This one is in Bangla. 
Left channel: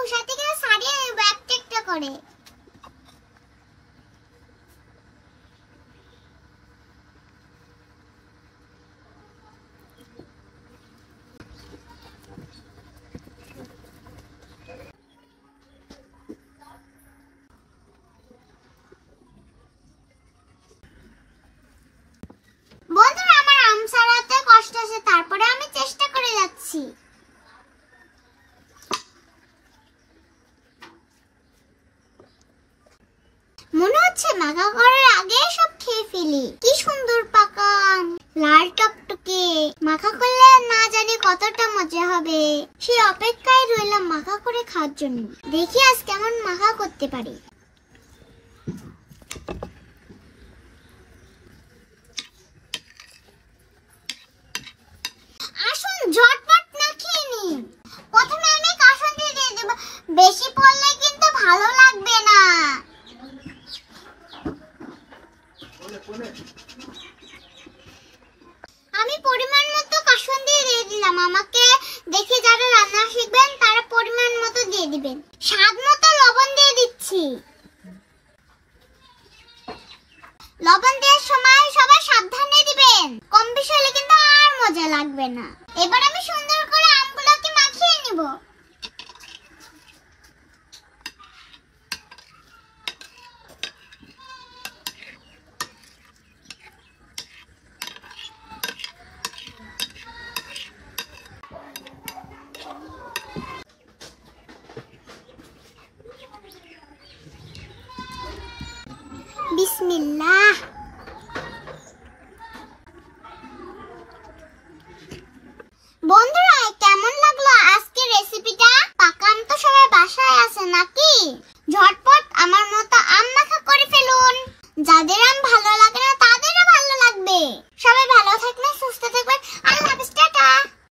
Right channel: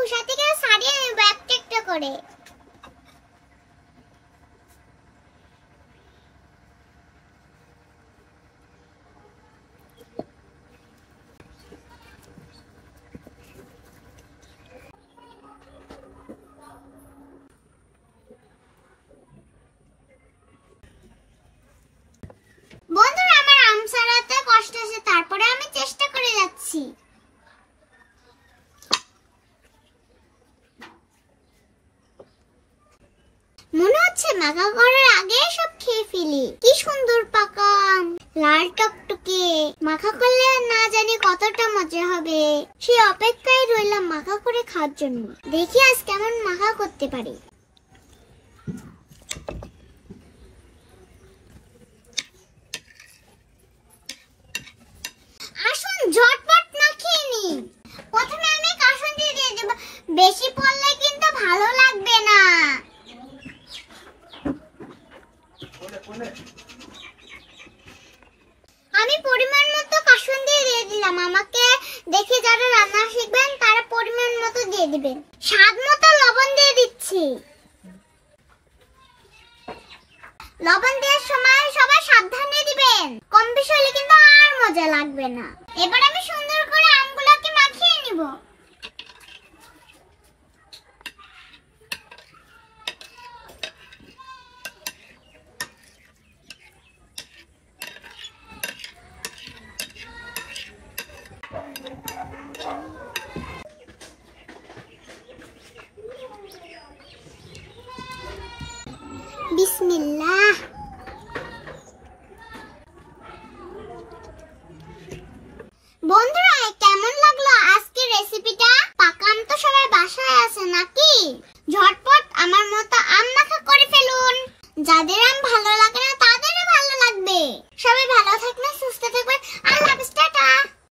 খোসা থেকে ছাড়িয়ে নেব একটা একটা করে। বন্ধুরা, আমার আম ছাড়াতে কষ্ট আছে, তারপরে আমি চেষ্টা করে যাচ্ছি। মনে হচ্ছে মাখা করার আগে সব খেয়ে ফেলি। কি সুন্দর পাকা আম, লাল টকটকে। মাখা করলে না জানি কতটা মজা হবে। সেই অপেক্ষায় রইলাম মাখা করে খাওয়ার জন্য। দেখি আজ কেমন মাখা করতে পারি। আসুন ঝটপট মাখিয়ে নি। প্রথমে আমি কাসুন্দি দিয়ে দেব, বেশি পড়লে কিন্তু ভালো লাগবে না। আমি পরিমাণ মতো কাসুন্দি দিয়ে দিলাম। আমাকে দেখে যারা রান্না শিখবেন তারা পরিমাণ মতো দিয়ে দিবেন। স্বাদ মতো লবণ দিয়ে দিচ্ছি। লবণ দেওয়ার সময় সবাই সাবধানে দিবেন, কম বেশি হলে কিন্তু আর মজা লাগবে না। এবার আমি সুন্দর